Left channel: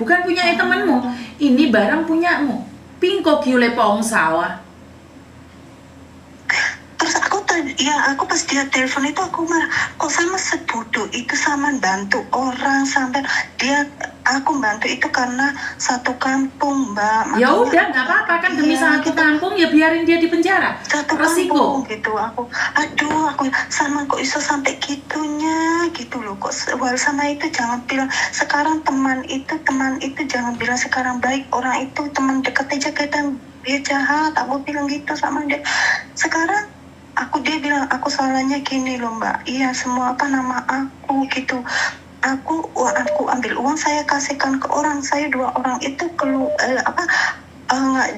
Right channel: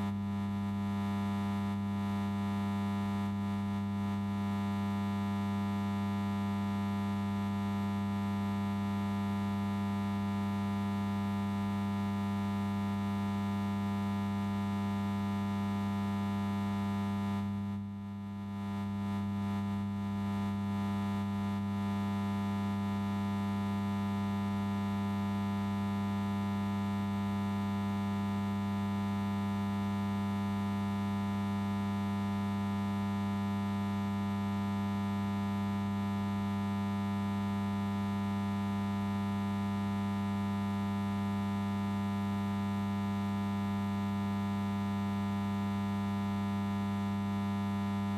bukan punya temanmu. Ini barang punyamu. Pingko giule pong sawah. Terus aku pas dia telepon itu aku marah, kok sama sebodoh itu sama bantu orang sampai aku bantu itu karena satu kampung, Mbak. Ya udah, nggak apa-apa kan demi satu kampung, ya biarin dia di penjara. Satu resiko kampung gitu. Aku sama kok bisa sampai gitunya gitu loh. Kok sama itu jangan bilang sekarang teman itu jangan bilang sekarang baik, orang itu teman dekat aja kita dia jahat. Aku bilang gitu sama dia. Sekarang dia bilang aku salahnya gini loh, Mbak. Iya, semua nama aku gitu. Aku ambil uang saya kasihkan ke orang, saya 2 orang itu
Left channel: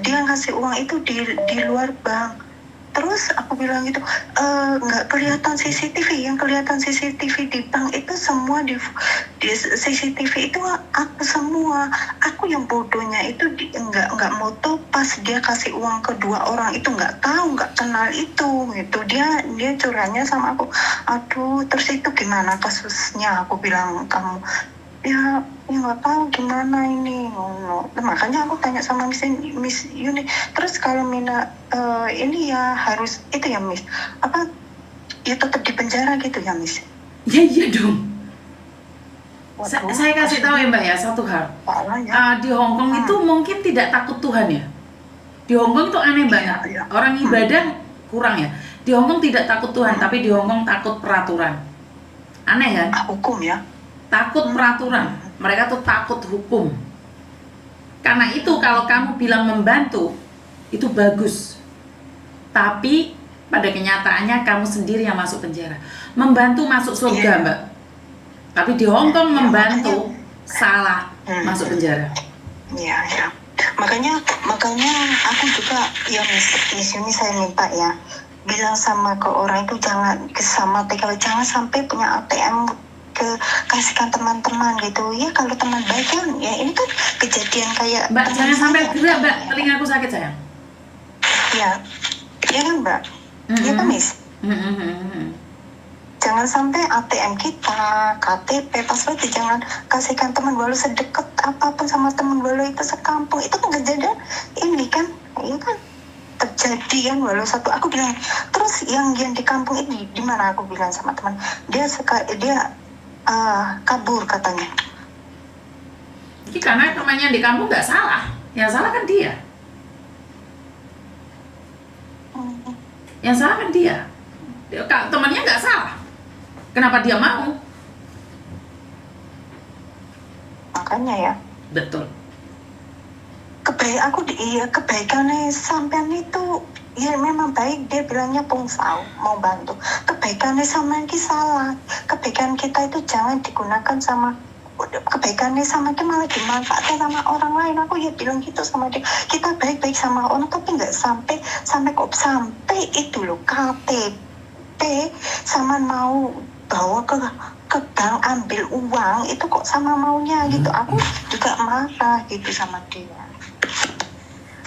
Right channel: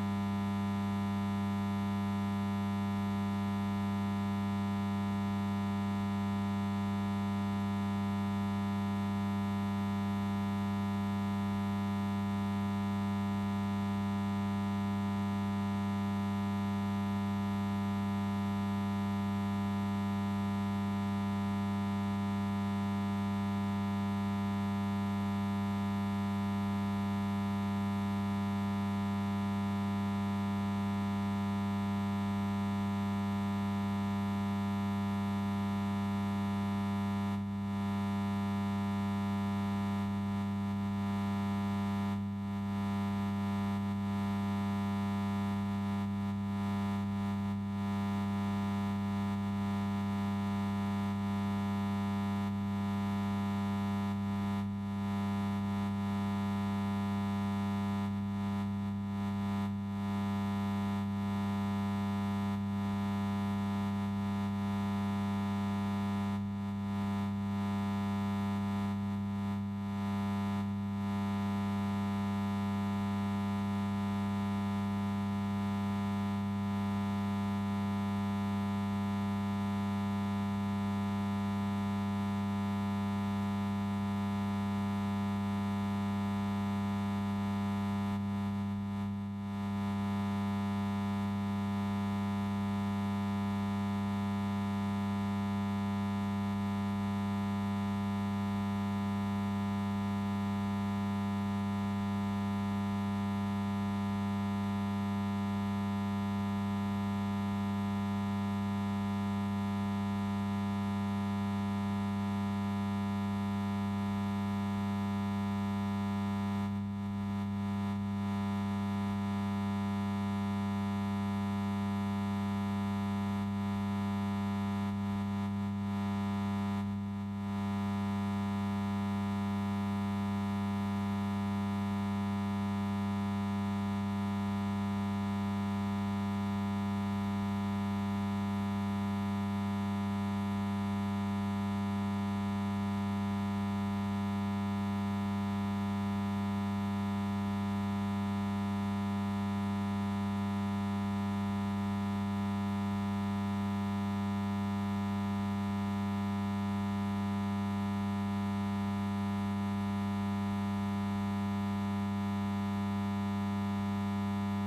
dia ngasih uang itu di luar bank. Terus aku bilang gitu, nggak kelihatan CCTV, yang kelihatan CCTV di bank itu semua di CCTV itu aku semua. Aku yang bodohnya itu nggak moto pas dia kasih uang ke 2 orang itu, nggak tahu, nggak kenal itu gitu. Dia curahnya sama aku. Aduh, terus itu gimana kasusnya? Aku bilang kamu ya nggak tahu gimana ini. Makanya aku tanya sama Miss Yuni, terus kalau Mina ini ya harus itu ya Miss, apa ya tetap di penjara gitu ya Miss? Ya iya dong. Saya kasih tahu ya Mbak ya satu hal. Di Hongkong itu mungkin tidak takut Tuhan ya. Di Hongkong itu aneh banget. Orang ibadah kurang ya. Di Hongkong tidak takut Tuhan, tapi di Hongkong takut peraturan. Aneh kan? Hukum ya. Takut peraturan, mereka tuh takut hukum. Karena itu kalau kamu bilang membantu, itu bagus. Tapi pada kenyataannya kamu sendiri yang masuk penjara. Membantu masuk surga, Mbak. Tapi di Hongkong membantu salah masuk penjara. Iya. Makanya aku juga ya Miss Yuni saya minta ya, bilang sama ke orang itu jangan kalau jangan sampai punya ATM kasihkan teman-teman gitu ya. Kalau teman baik kan ya, ini kan kejadian kayak Mbak jangan sampai gerak Mbak, telingaku sakit sayang. Ya kan Mbak. Ya kan Miss. Jangan sampai ATM kita, KTP, password jangan kasihkan teman, walau sedekat apapun sama teman, walau itu sekampung, itu kan kejadian ini kan terjadi kan, walau satu. Aku bilang terus yang di kampung ini di mana, aku bilang sama teman dia kabur katanya. Ini karena temannya di kampung nggak salah, yang salah kan dia. Yang salah kan dia. Temannya nggak salah. Kenapa dia mau? Makanya ya. Betul. Kebaikannya sampean itu ya memang baik, dia bilangnya pungsau mau bantu. Kebaikannya sama yang salah. Kebaikan kita itu jangan digunakan sama kebaikannya sama dia malah dimanfaatkan sama orang lain. Aku ya bilang gitu sama dia. Kita baik-baik sama orang tapi nggak sampai itu loh, KTP sama mau bawa ke bank ambil uang itu kok sama maunya gitu. Aku juga marah gitu sama dia.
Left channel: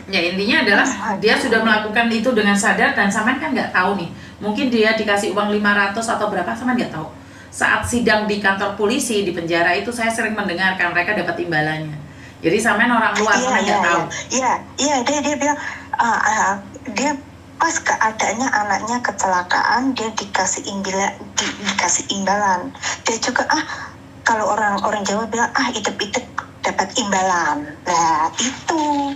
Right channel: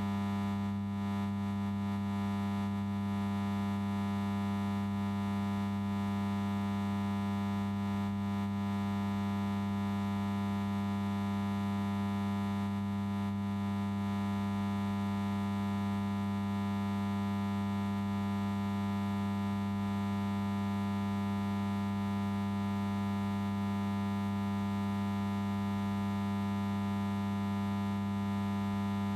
Ya intinya adalah dia sudah melakukan itu dengan sadar dan Saman kan nggak tahu nih. Mungkin dia dikasih uang 500 atau berapa, Saman nggak tahu. Saat sidang di kantor polisi di penjara itu saya sering mendengarkan mereka dapat imbalannya. Jadi Saman orang luar nggak tahu. Iya dia bilang dia pas keadaannya anaknya kecelakaan dia dikasih imbalan. Dia juga kalau orang Jawa bilang hidup dapat imbalan. Nah itu.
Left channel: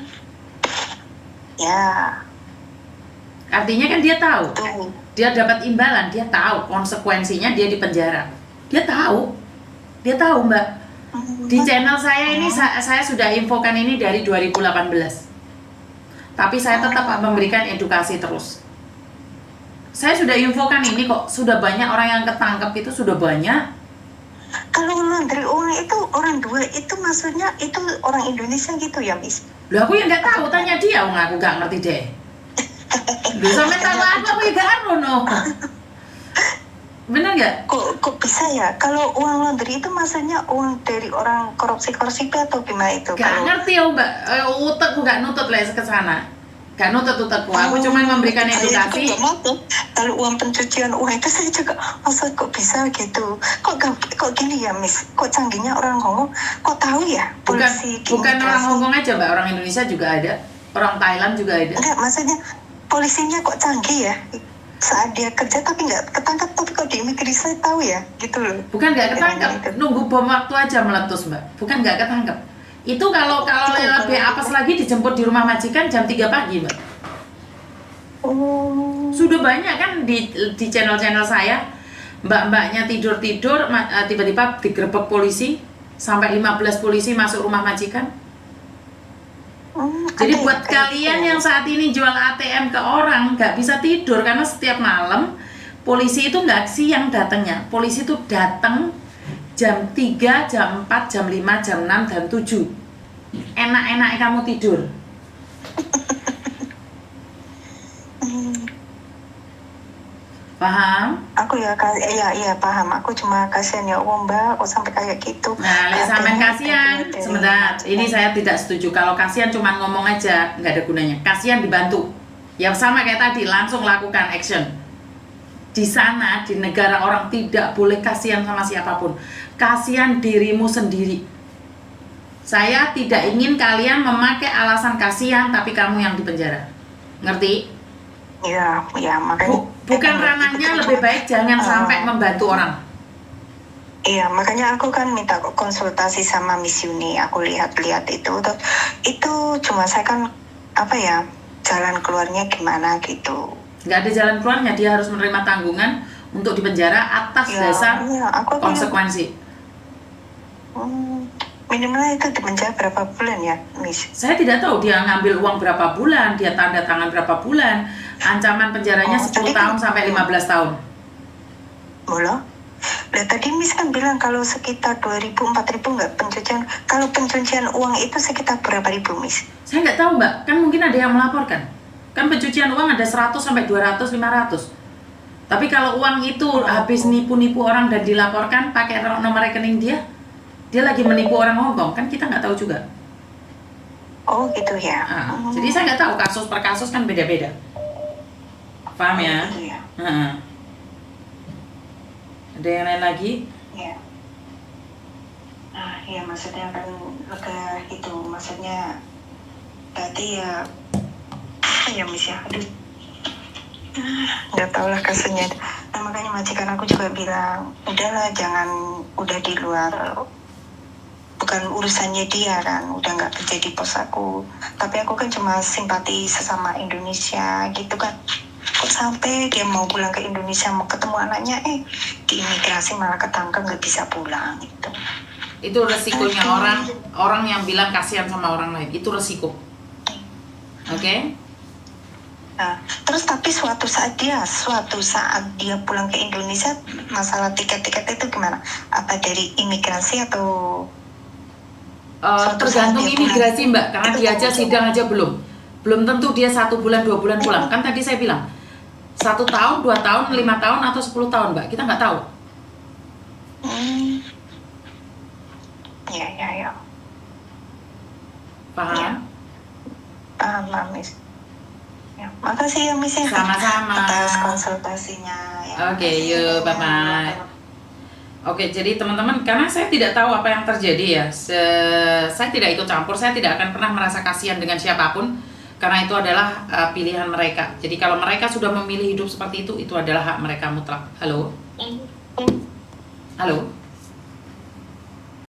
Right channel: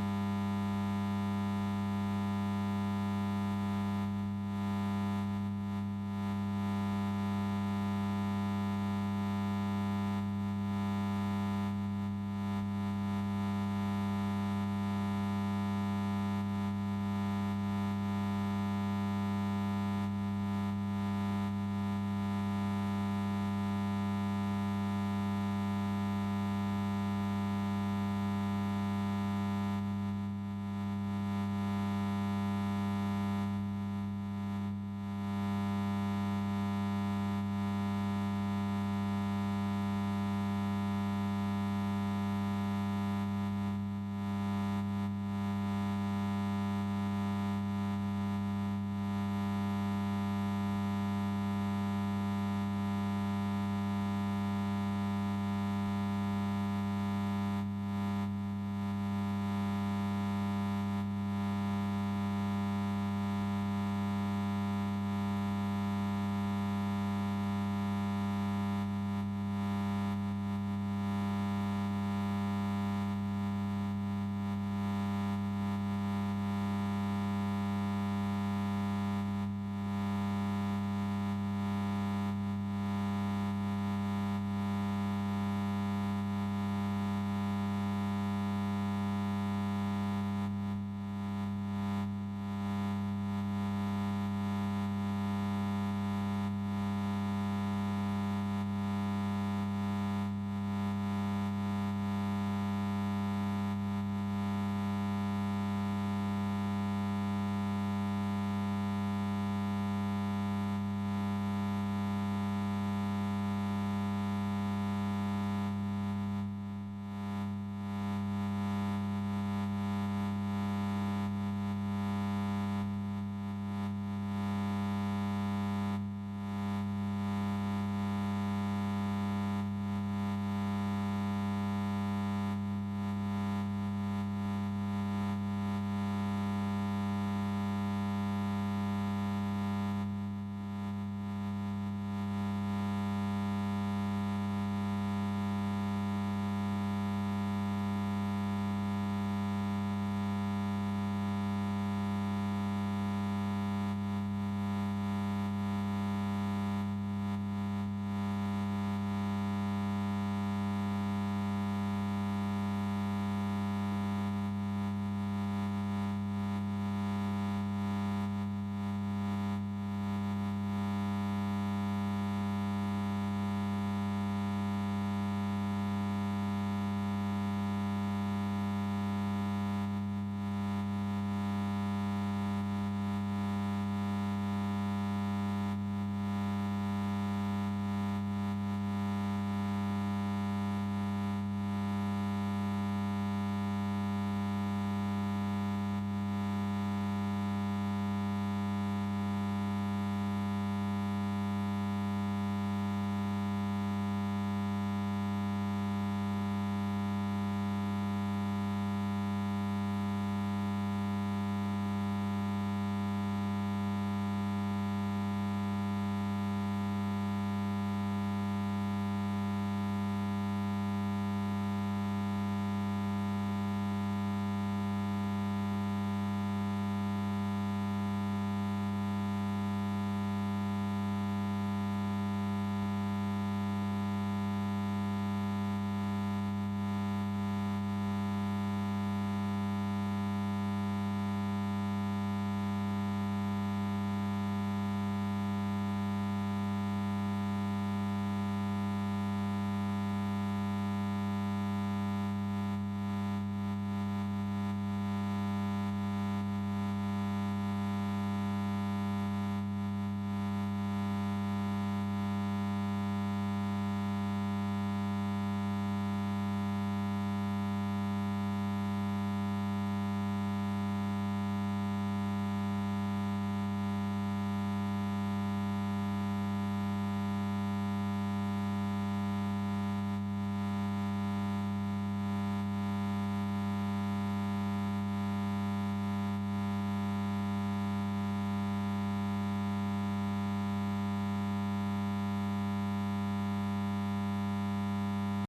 Ya. Artinya kan dia tahu. Dia dapat imbalan, dia tahu konsekuensinya dia di penjara. Dia tahu, Mbak. Di channel saya ini saya sudah infokan ini dari 2018. Tapi saya tetap memberikan edukasi terus. Saya sudah infokan ini kok, sudah banyak orang yang ketangkep itu sudah banyak. Kalau laundry uang itu orang 2 itu maksudnya itu orang Indonesia gitu ya, Miss? Loh aku yang nggak tahu, tanya dia, aku nggak ngerti deh. Loh sampai tahu aku ya gak no. Bener nggak? Kok bisa ya? Kalau uang laundry itu maksudnya uang dari orang korupsi atau gimana itu? Gak ngerti ya Mbak, utekku gak nutut lah ke sana. Gak nutut utekku, aku cuma memberikan edukasi. Kalau uang pencucian uang itu saya juga maksud kok bisa gitu. Kok gini ya Miss? Kok canggihnya orang Hongkong? Kok tahu ya? Bukan Polisi di bukan orang imigrasi. Hong Kong aja, Mbak, orang Indonesia juga ada, orang Thailand juga ada. Enggak, maksudnya polisinya kok canggih ya? Saat dia kerja tapi nggak ketangkap, tapi kok di imigrasi tahu ya? Gitu loh. Bukan nggak ketangkep, Gitu. nunggu bom waktu aja meletus, Mbak. Bukan nggak ketangkep. Itu kalau lebih apes lagi dijemput di rumah majikan jam 3 pagi, Mbak. Oh. Sudah banyak kan di channel-channel saya, mbak-mbaknya tidur-tidur tiba-tiba digerebek polisi, sampai 15 polisi masuk rumah majikan. Jadi Ada buat ya, kalian yang saat ini jual ATM ke orang nggak bisa tidur karena setiap malam polisi itu nggak siang datangnya. Polisi itu datang jam 3, jam 4, jam 5, jam 6, jam 7. Enak-enak kamu tidur. Paham? Aku ya paham. Aku cuma kasihan ya Allah Mbak, kok sampai kayak gitu. Nah, sampean kasihan. Dari- Sebentar, ini saya tidak setuju. Kalau kasihan cuma ngomong aja, nggak ada gunanya. Kasihan dibantu. Ya sama kayak tadi, langsung lakukan action. Di sana, di negara orang tidak boleh kasihan sama siapapun. Kasihan dirimu sendiri. Saya tidak ingin kalian memakai alasan kasihan, tapi kamu yang dipenjara. Ngerti? Ya, makanya. Bukan ranahnya, lebih baik jangan sampai membantu orang. Iya, makanya aku kan minta konsultasi sama Miss Yuni. Aku lihat-lihat itu cuma saya kan jalan keluarnya gimana gitu. Nggak ada jalan keluarnya, dia harus menerima tanggungan untuk dipenjara atas dasar konsekuensi. Minimalnya itu dipenjara berapa bulan ya, Miss? Saya tidak tahu dia ngambil uang berapa bulan, dia tanda tangan berapa bulan. Ancaman penjaranya 10 tahun sampai 15 tahun. Boleh. Nah, tadi Miss kan bilang kalau sekitar 2.000, 4.000 nggak pencucian. Kalau pencucian uang itu sekitar berapa ribu, Miss? Saya nggak tahu, Mbak. Kan mungkin ada yang melaporkan. Kan pencucian uang ada 100 sampai 200, 500. Tapi kalau uang itu habis nipu-nipu orang dan dilaporkan pakai nomor rekening dia lagi menipu orang Hongkong, kan kita nggak tahu juga. Oh gitu ya. Jadi saya nggak tahu, kasus per kasus kan beda-beda. Paham ya? Gitu ya. Ada yang lain lagi? Ya. Nah, ya maksudnya kan lega itu, maksudnya tadi ya Miss ya, aduh. Nggak tahu lah kasusnya. Nah, makanya majikan aku juga bilang, udahlah udah di luar, bukan urusannya dia kan, udah nggak kerja di pos aku. Tapi aku kan cuma simpati sesama Indonesia gitu kan. Kok sampai dia mau pulang ke Indonesia, mau ketemu anaknya, di imigrasi malah ketangkep nggak bisa pulang gitu. Itu resikonya orang yang bilang kasihan sama orang lain, itu resiko. Oke? Nah, terus tapi suatu saat dia pulang ke Indonesia, masalah tiket-tiket itu gimana? Apa dari imigrasi atau? Tergantung imigrasi, Mbak, karena dia aja sidang aja belum tentu dia 1 bulan 2 bulan pulang. Kan tadi saya bilang 1 tahun, 2 tahun, 5 tahun atau 10 tahun, Mbak, kita nggak tahu. Ya. Paham? Ya. Paham, Miss. Ya, makasih ya, Miss. Sama-sama. Atas konsultasinya. Ya. Oke, yuk, bye-bye. Oke, jadi teman-teman, karena saya tidak tahu apa yang terjadi ya, saya tidak ikut campur, saya tidak akan pernah merasa kasihan dengan siapapun, karena itu adalah pilihan mereka. Jadi kalau mereka sudah memilih hidup seperti itu adalah hak mereka mutlak. Halo? Halo?